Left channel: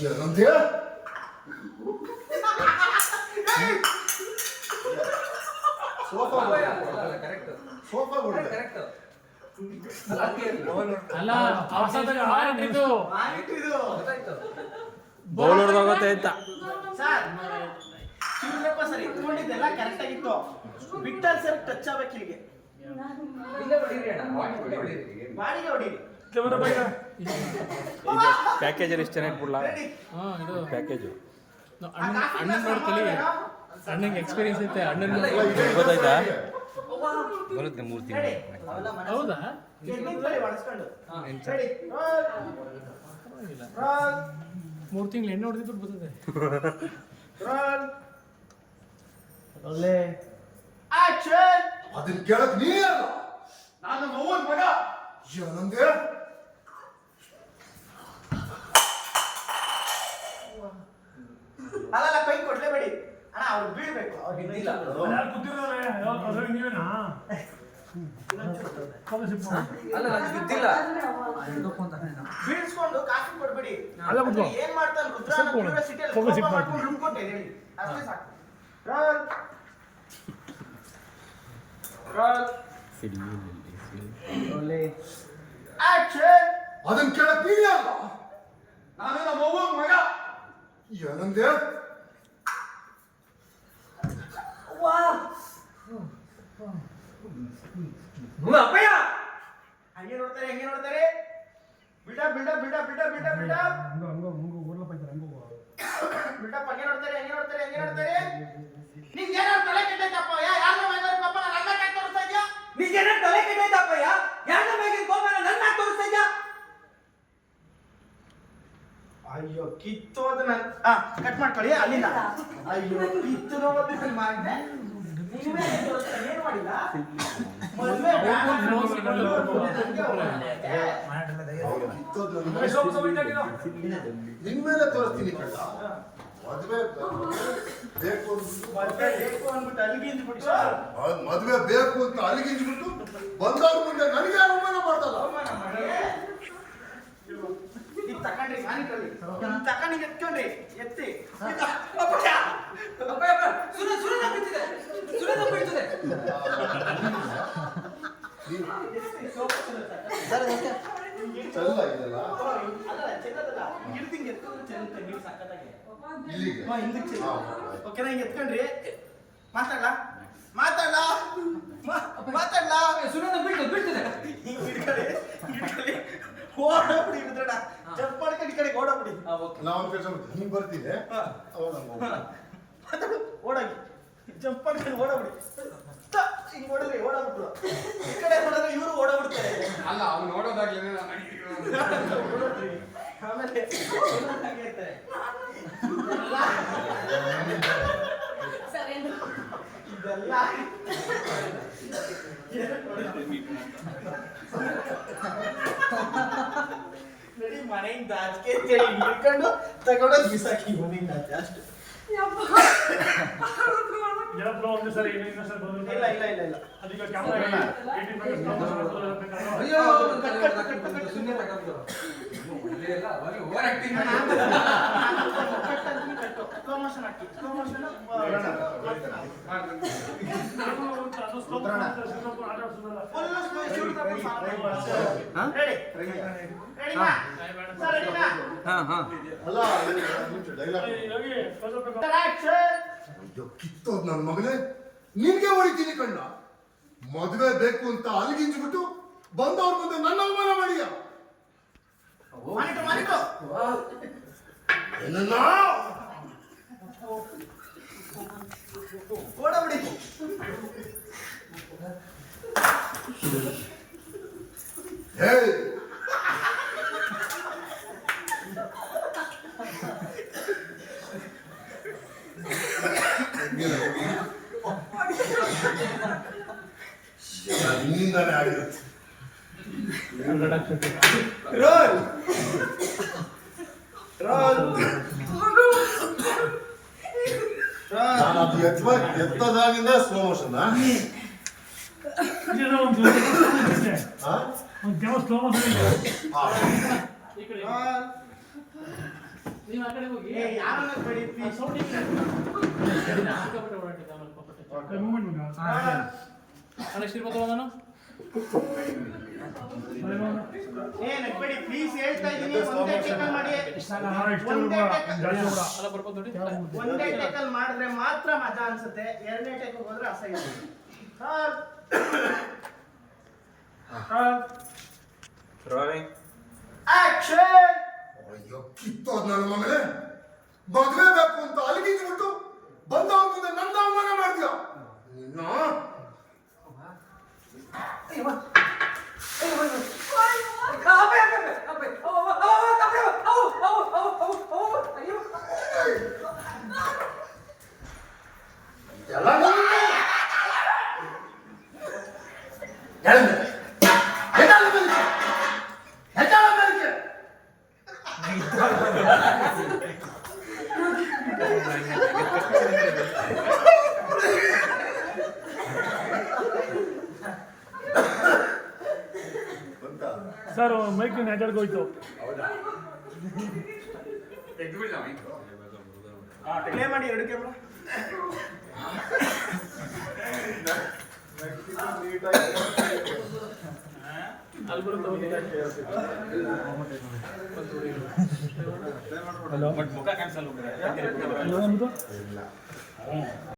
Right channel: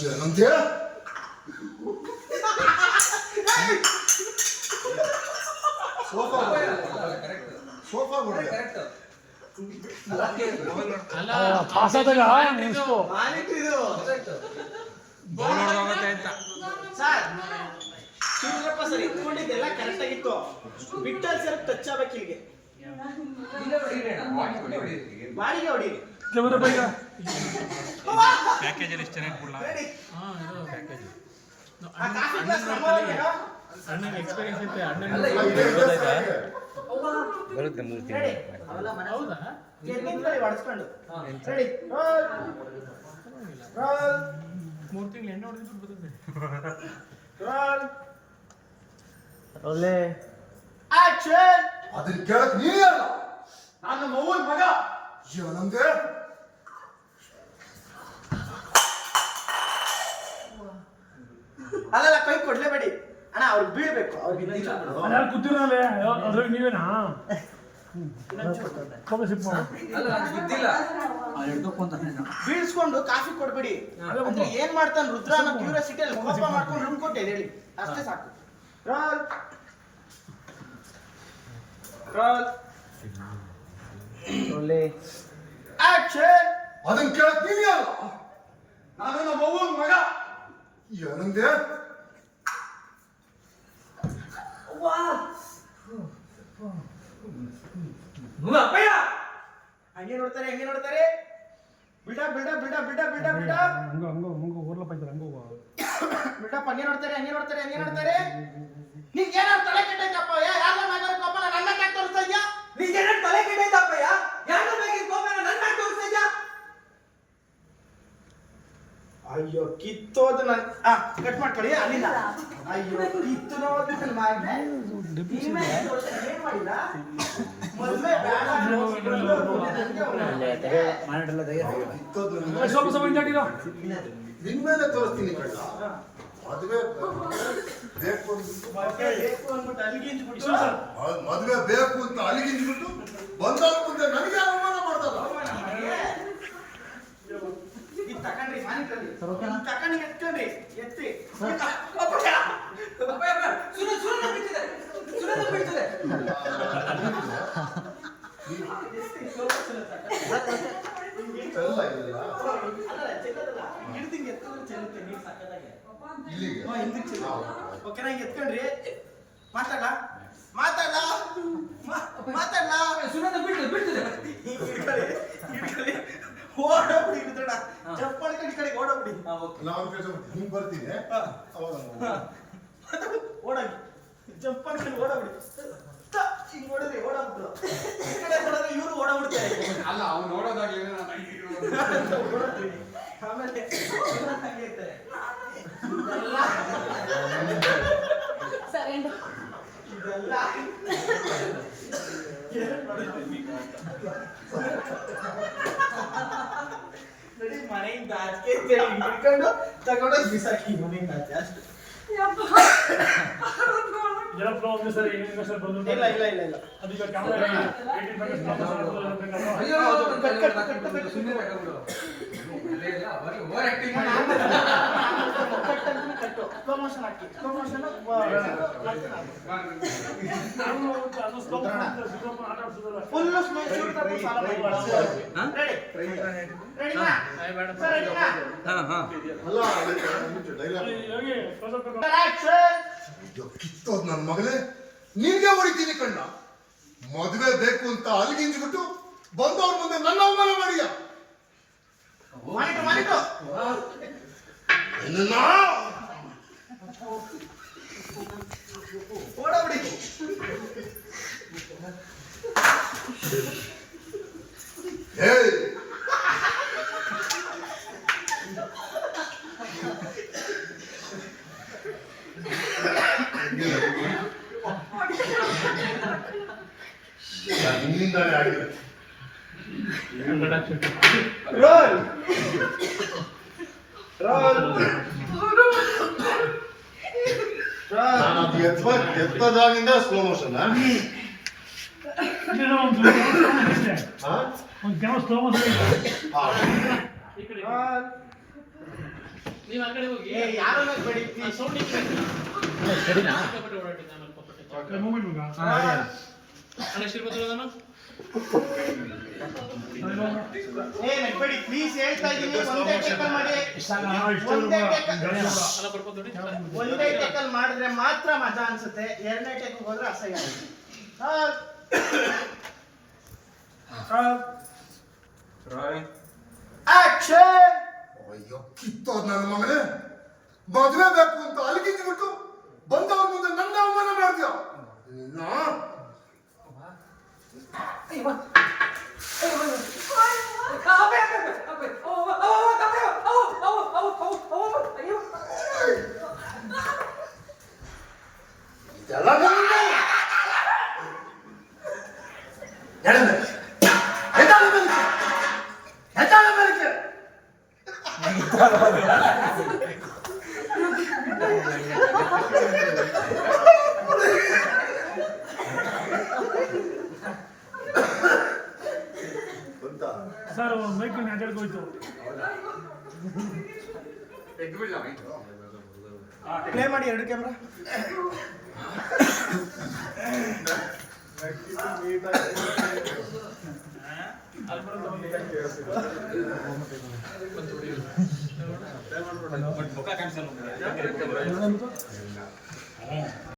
ಏನಂದೆ sofa sofa Shivarappa sir ಇಟ್ಕೊಂಡಿದ್ದೆಲ್ಲ correct ಆಗಿತ್ತು. ಬಿಟ್ಟಲ್ ಸರ್ ಟಚ್ ಆಗ್ಬೇಕು ಇಲ್ಲಿಗೆ. ಬಾಡಿಗೆ ಹೊಡಿ ಕ್ಯಾಮರಾ ಬೈಗ ಪ್ಯಾಕೇಜಲ್ಲಿ ಎಷ್ಟು ಚೆನ್ನಾಗಿ ಕೊಡ್ಲಾ? ಹಾ ಇದು ಪ್ಯಾಕೇಜ್ ಅಣ್ಣ ಅಣ್ಣನ ಅಣ್ಣಂಗೆ ಎಕ್ಸ್ಪೀರಿಯನ್ಸ್ ಐತೆ ಅಣ್ಣನ. ಬರುತ್ತೆ ಮೂರು ತಿಂಗಳು. ಹೌದಾ? ಮೂರು ತಿಂಗಳು ಎಣ್ಣೆ ಹೊಡೆದಿದ್ದು ಬರ್ತದೆ. ಒಳ್ಳೆ. ಅದಕ್ಕೆ ಅದನ್ನ ಕೇಳಕ್ ನೀ ಅಲ್ಲ ನಾನು ಮಗ. ಏನಂದೆ? ಅದೆಲ್ಲ ಕೈ ಕೊಡ್ಲೇಬೇಡಿ ಅಣ್ಣ ಅವ್ರು ಬೀಳ್ಬೇಕು. ಅವ್ರಿಗೆ ನೀವೇನಾ? ಬೀಳ್ಸ್ಕೊಂಡು ಕಾಫಿ ಕೊಡ್ಬೇಡಿ. ಏನ್ ಮಾಡ್ತಾನೆ ರುದ್ರ ಕ್ಯೂರಿಯಾಸಿಟಿ ಅಲ್ಲಿ ಕೋಪ ಮಾಡ್ಕೊಂಡು ರೂಮ್ ಕೊಟ್ಟೆ ಹೇಳಿ. ಅಷ್ಟೇ ಸಾಕು. ರಾಲ್ ರೋಲ್ ಒಳ್ಳೆ. ಆಕ್ಷನ್. ಅದನ್ನ ಕೇಳಕ್ ನೀನೇ ಅಲ್ಲ ನಾನು ನಮ್ಮ ಮಗ. ಏನಂದೆ? ಅಪ್ಪಯ್ಯ ಹಂಗೆ ನೋಡ್ತಾರೆ ಹಂಗೆ ನೋಡ್ತಾರೆ ಬಿಡ ಬಿಡ ಬಿಡ ಬಿಡ ಬಿಡ ಬಿಡ ಹಂಗ ಹಂಗ ಹಂಗ ಊರ್ಲ ಪೈತಾರೆ ಹಂಗ ಬಿಡಪ್ಪ ಹಂಗೆ ನೋಡ್ತಾರೆ ಹಂಗೆ ನೋಡ್ತಾರೆ ಹಂಗೆ ನೋಡ್ತಾರೆ ನಿಂಗೆ ಏನಾದ್ರು ತಲೆ ಕೆಟ್ಟೈತಪ್ಪ ಯಾರ ಮಾತಾಡ್ಕಪ್ಪ ಕೋಪ ನನ್ನ ಕಾಯಿ ತೋರಿಸ್ತಾ ಇದ್ಯಾ ನಿಜ ತಲೆ ಕೆಟ್ಟೈತಪ್ಪಯ್ಯ ಯಾರ ಬಗ್ಗೆ ಕೋಪ ನನ್ನ ಮ್ಯಾಗ ತೋರಿಸ್ತಾ ಇದ್ಯಾ ಅಯ್ಯೋ ಕಿತ್ತೋದು ನನ್ ಆ ಕಟ್ ಮಾಡ್ಕೊಳ್ಳಿ, ಅಲ್ಲಿಂದ. ಅಯ್ಯೋ ತೋರಿಸ್ತೀನಿ ಮದುವೆ ಬೇಕು ಮದ್ವೆ ಬೇಕು ಅಲ್ಲಿಗೆ ಅಂತ ಅಲ್ಲಿಗಿಂದ್ಬಿಟ್ಟು ಬಂದವ್ರ ಮುಂದೆ ನನಗೆ ಅನುಮಾನ ಮಾಡ್ದಲ್ಲ ಈಗ ತಕೊಂಡ್ರಿ ಸಾನಿಟ್ರಲ್ಲಿ ತಕೊಂಡಿ ಎತ್ಕೊಂಡ್ರಿ ಎತ್ತಿ. ಸುರ. ಸುರ ಬಿಟ್ಟಿದೆ ಅಲ್ಲ, ಚೆಲ್ಲೋದಲ್ಲ. ಹಿಡ್ದಿಂಗ್ ಎತ್ತಿದ್ರೆ ಚೆಲ್ಲುತ್ತೆ ನೀರು ಹ್ಮ್, ಹಿಂದಕ್ಕೆ ಚೆಲ್ಲಿ. ಓಕೆನಾ ಹಿಂಗ್ ಎತ್ಕೊಂಡ್ರಿ. ಮಾತಾಡ್ಲಾ? ಮಾತಾಡ್ಲಾ? ಮಾತಾಡ್ಲಾ? ಸುನ ಬಿಟ್ಟು ಬಿಟ್ಟಿದೆ ಹಿಂಗ್ ಹಿಡ್ಕೊಳ್ಳಿ ಹಿಡ್ಕೊಳ್ಳಿ ಓಡೋಗ್ಬಿಡಿ ರುದ್ರಣ್ಣ. ಜಂಪ್ ಮಾಡ್ಕೊಂಡು ಈ ಕಡೆ ಓಡೋಗ್ಬಿಡಿ ನಾವು ಕೆಲಸ ಹಿಂಗ್ ಬರ್ತೀನಿ ಓಡೋಗಿ ಜಂಪ್ ಮಾಡ್ಕೊಂಡು ಓಡೋಗ್ಬಿಡಿ ತ, ಹಿಂಗ್ ಓಡಿದ್ರಿ ಓಡೋಗ್ಬಿಟ್ರು ಈ ಕಡೆ ನೋಡಿದ್ರೆ ಇವರು ಓಡಾಬಿಡ್ತಾರೆ ಅಲ್ಲ ಅವ್ನು ಓಡೋಗ್ತೀನಿ. ಆಮೇಲೆ ಹಾಗೆ ಇರ್ತಾರೆ. ಇದೆಲ್ಲ ಮನೆಯಿಂದ ಆಚೆ ಅಂತೇಳಿ ಹಿಡ್ಕೊಂಡು ತಗೊಂಡೋಗಿ ಬಿಸಾಕಿ ಮನೆಯಿಂದ ಆಚೆ ಅಷ್ಟು ಇಲ್ಲ ಇಲ್ಲ ಇಲ್ಲ ಇಲ್ಲ. ಸುಮ್ಮನೆ ಇಲ್ಲ ಅವಾಗ ಓವರ್ ಆಕ್ಟಿಂಗ್ ಮಾಡಿ. ಪ್ರಮೋಷನ್ ಹಾಕಿ ಪ್ರಮೋಷನ್ ಫುಲ್ ಹಾ? ಹಾ. ಅಲ್ಲ ಡೈಲಾಗ್ ಅಯ್ಯೋ ಕಿತ್ತೋದ್ ನನ್ನ ಮಗಳೇ ನಿನ್ಗೆ ಹೊಡಿತೀನಿ ಕಣ್ಣ. ಮದುವೆ ಬೇಕು ಅಂತ ಅಲ್ಲಿಗಿಂಜ್ಬಿಟ್ಟು ಬಂದವ್ರ ಮುಂದೆ ನನ್ನ ಅವಮಾನ ಮಾಡಿಯ? ನಿನ್ನ ಓಡಬಿಡಿ ಹೇ ನಿನ್ನಿಂದಾನೇ ಆಗಿರುತ್ತೆ ರೋಲ್ ರೋಲ್ ನಾನು ಅದು ಎತ್ತ ಎತ್ತದಾಗಿಂದ ಸ್ಲೋ ಮೋಷನ್ ಒಂದು ಕ್ಯಾಮರಾ ಸ್ಲೋ ರೋಲ್ ನೀವು ಆ ಕಡೆ ಹೋಗಿ. ಏ ಯಾರು ಬಡಿ ಸೌಂಡ್. ಅಣ್ಣ ಶ್ರೀಪತಿ ಹೋಗೋಣ? ಏ ಪ್ಲೀಸ್ ಹೇಳ್ತಾ ಇದ್ದೀನಿ. ಒಂದೇ ಟೆಕಲ್ ಮಾಡಿ. ಒಂದೇ ಟೇಕಲ್ ಮಾಡಿದ್ರೆ ಮಾತ್ರ ಮಜಾ ಅನ್ಸುತ್ತೆ. ಎರಡನೇ ಟೇಕಲ್ ಹೋದ್ರೆ ಅಸಹ್ಯ ಆಕ್ಷನ್ ಅಯ್ಯೋ ಕಿತ್ತೋದ್ ನನ್ನ ಮಗನೇ. ಮದುವೆ ಬೇಕು ಅಂತ ಅಲ್ಲಿಗೆ ಬಂದವ್ರ ಸರ್ ಮೈಕ್ ಇದು. ಪ್ಲೇ ಮಾಡಿ ಎರಡು ಕ್ಯಾಮ್ರಾ ಬರುತ್ತೆ ಹಲೋ.